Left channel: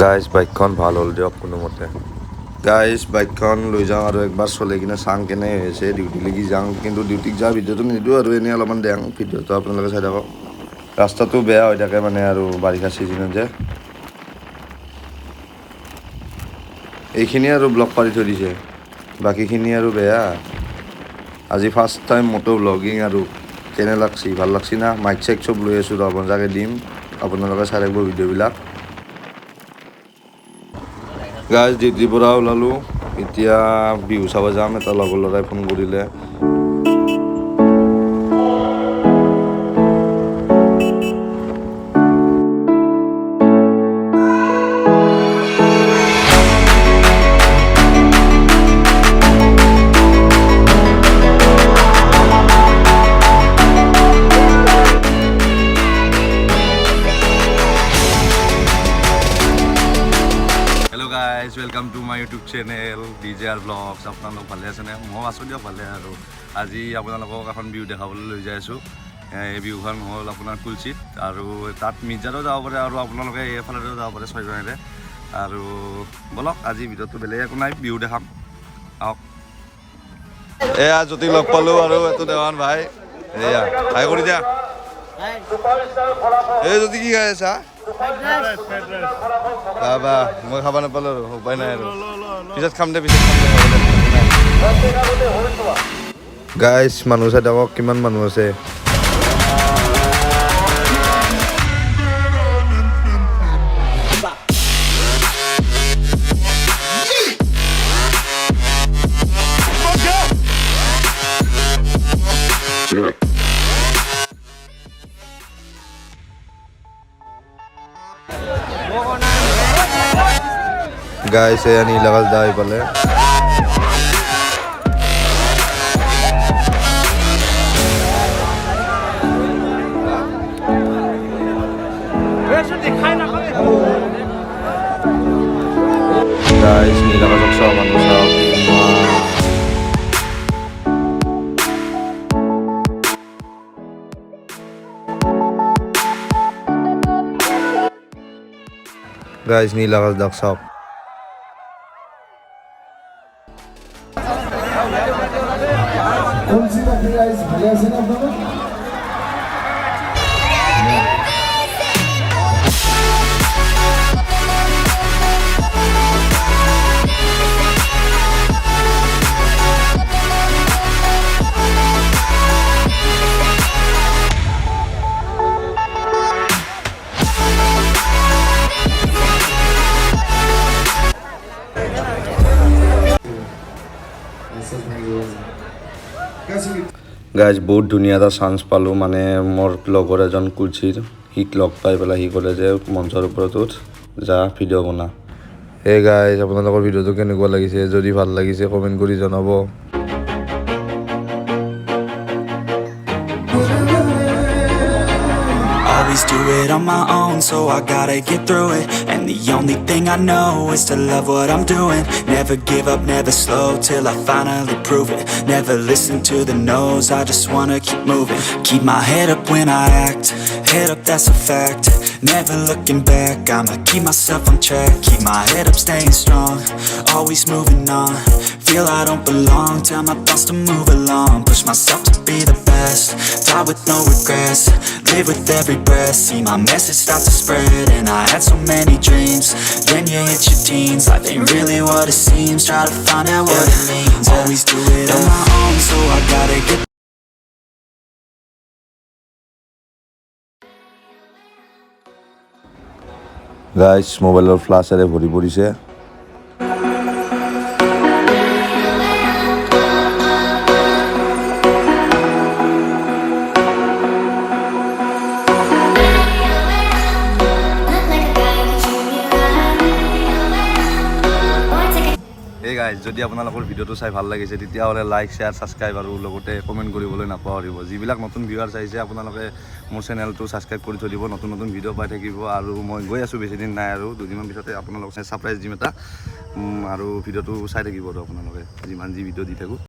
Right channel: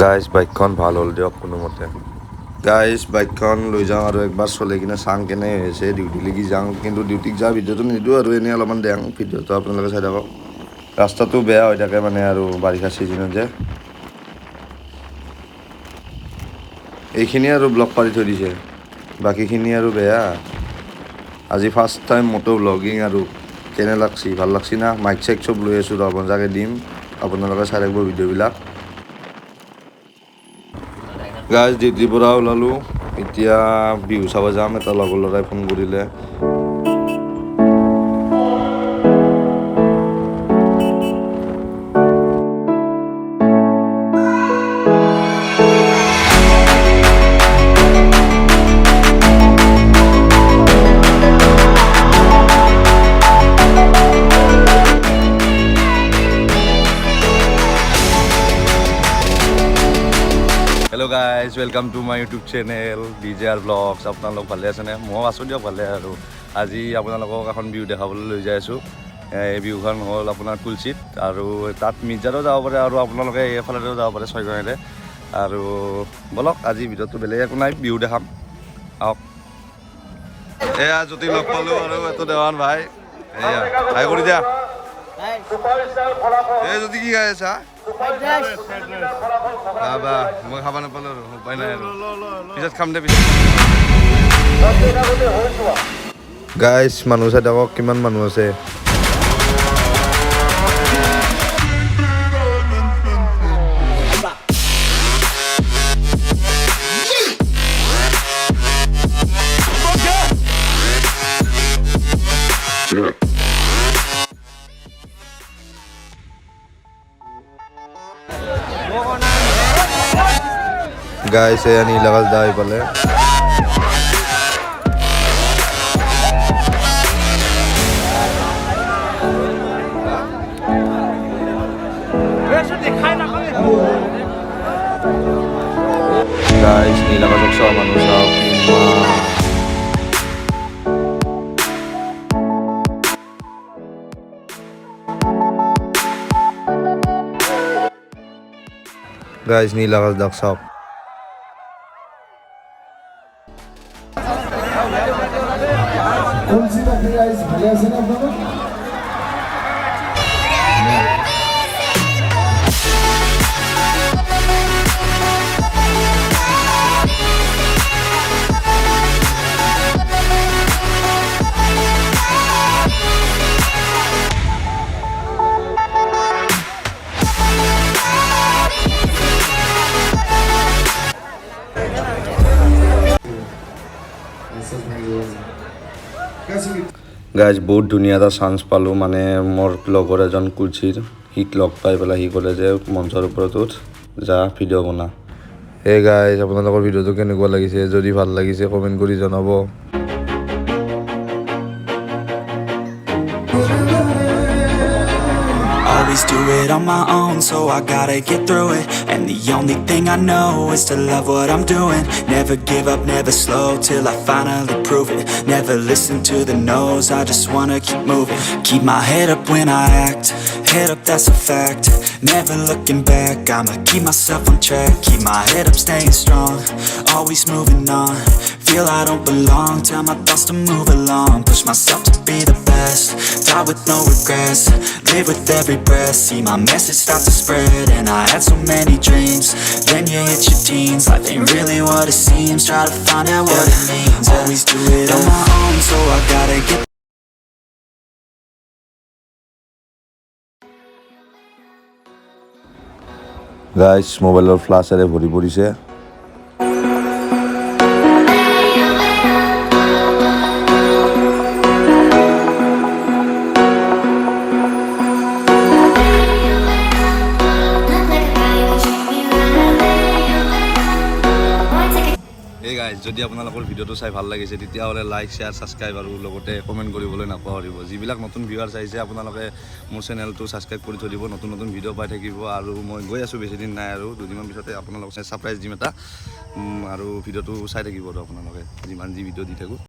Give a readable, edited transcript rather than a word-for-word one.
গাইজ বাইকখন ভাল হ'ল দিয়ক কোনোমতে গাইজ বাইকখন লৈ যাওঁ আৰু একবাৰ চলাই কিনে চাং কেনে হৈছে ডিউটি লাগি যাওঁ কিন্তু ডিউটিত যোৱাৰ ভিডিঅ'টো নিদিওঁ আৰু এনেই অলপমান দেওঁ ভিডিঅ'টো আপোনালোকে চাই থাকক ৰাস্তাটো বেয়া হৈ থাকে মানে আৰু বাৰিষা ছিজনত যে এইখিনি আৰু ব্লক পাৰি থৈ দিছে বাকীখিনি আৰু বেয়া আজি ফাৰ্ষ্ট টাইম মটো ব্লগিং আৰু কেনে লাগছি ভাল লাগছি না মাইক চাইক চব লৈ আছোঁ ৰ মজাকে দিম আপোনালোকে চাই থাকিব ভিডিঅ'বিলাক গাইজ ডিউটিৰ পৰা ওলালোঁ এতিয়া বিহু চাব যাম এটা লগৰ ল'ৰাই ফোন কৰিলে hello' guys welcome to my YouTube channel DJR blogs আপোনালোক ভালে আছেনে ময়ো আছোঁ দিয়ক ভালে আৰু আজি আপোনালোকক এখন বিহু দেখাবলৈ লৈ যাই আছোঁ এই বিহুখন হ'ল আপোনাৰ কুলচিত আৰু তাত মিৰ্জাতো যাব পাৰে আৰু আপোনালোকে এইফালেও যাব পাৰে ছয়গাঁৱৰে আৰু বলক আজি ভিডিঅ'টো বেলেগ একো নাই বিহু দেখাম আহক এয়া জ্যোতি লগ পালোঁ আৰু এইটো দেৱান ভাই এয়া হাই কৰি দিয়া এই জ্যোতি কি খাই আছা বাবা মই খাব নাপালোঁ আৰু উপায় নাই আৰু পিছত খাম দে হ'ব দে গাইজ মানুহ চাই থাকক কিমান মানুহ আছে গাইজ এয়া নীল আকাশ দা এইফালে গাইজ নীল আকাশক চাওঁ মানুহ চাওঁ কিমান গাইজ নীল আকাশ দাক চাওক ভালে আছে না আপনারা গাইজ বহুত ধুনীয়া এটা চান্স পালোঁ মানে মোৰ লগৰ এজন কুলচিৰ সিক লগ পাই পেলাই সি ক'লে যে মঞ্চৰ ওপৰত উঠ যা ভিডিঅ' বনা সেই গাইজ আপোনালোকৰ ভিডিঅ'টো কেনেকুৱা লাগিছে যদি ভাল লাগিছে কমেণ্ট কৰি জনাব Always do it on my own, so I gotta get through it. And the only thing I know is to love what I'm doing. Never give up, never slow, till I finally prove it. Never listen to the no's, I just wanna keep moving. Keep my head up when I act, head up that's a fact. Never looking back, I'ma keep myself on track. Keep my head up, staying strong, always moving on. Feel I don't belong, tell my thoughts to move along. Push myself to be the best, die with no regrets. Live with every breath, see my message start to spread. And I had so many dreams, then you hit your teens. Life ain't really what it seems, try to find out what it means. Always do it on my own, so I gotta get guys মোবাইলৰ ফ্লাছেৰে ভৰি পৰিছে এই গাইজ যদি আপোনালোকৰ ভিডিঅ'টো চাই ভাল লাগিছে তেতিয়াহ'লে লাইক শ্বেয়াৰ ছাবস্ক্ৰাইব আৰু লগতে কমেণ্ট কৰিবলৈ নাপাহৰিব যিবিলাক নতুন ভিউৱাৰ চাইছে আপোনালোকে মোৰ চেনেলটো ছাবস্ক্ৰাইব কৰি থৈ দিব নতুন নতুন ভিডিঅ' পাই থাকিব আৰু মই গৈ আছোঁ বেছিদিন নাই আৰু দুদিনমান পিছতে আপোনালোকক ছাৰপ্ৰাইজ দিম এটা আৰু ভিডিঅ'টো চাই থাকিব আৰু আপোনালোকে যিমান যি ভিডিঅ' দি থাকোঁ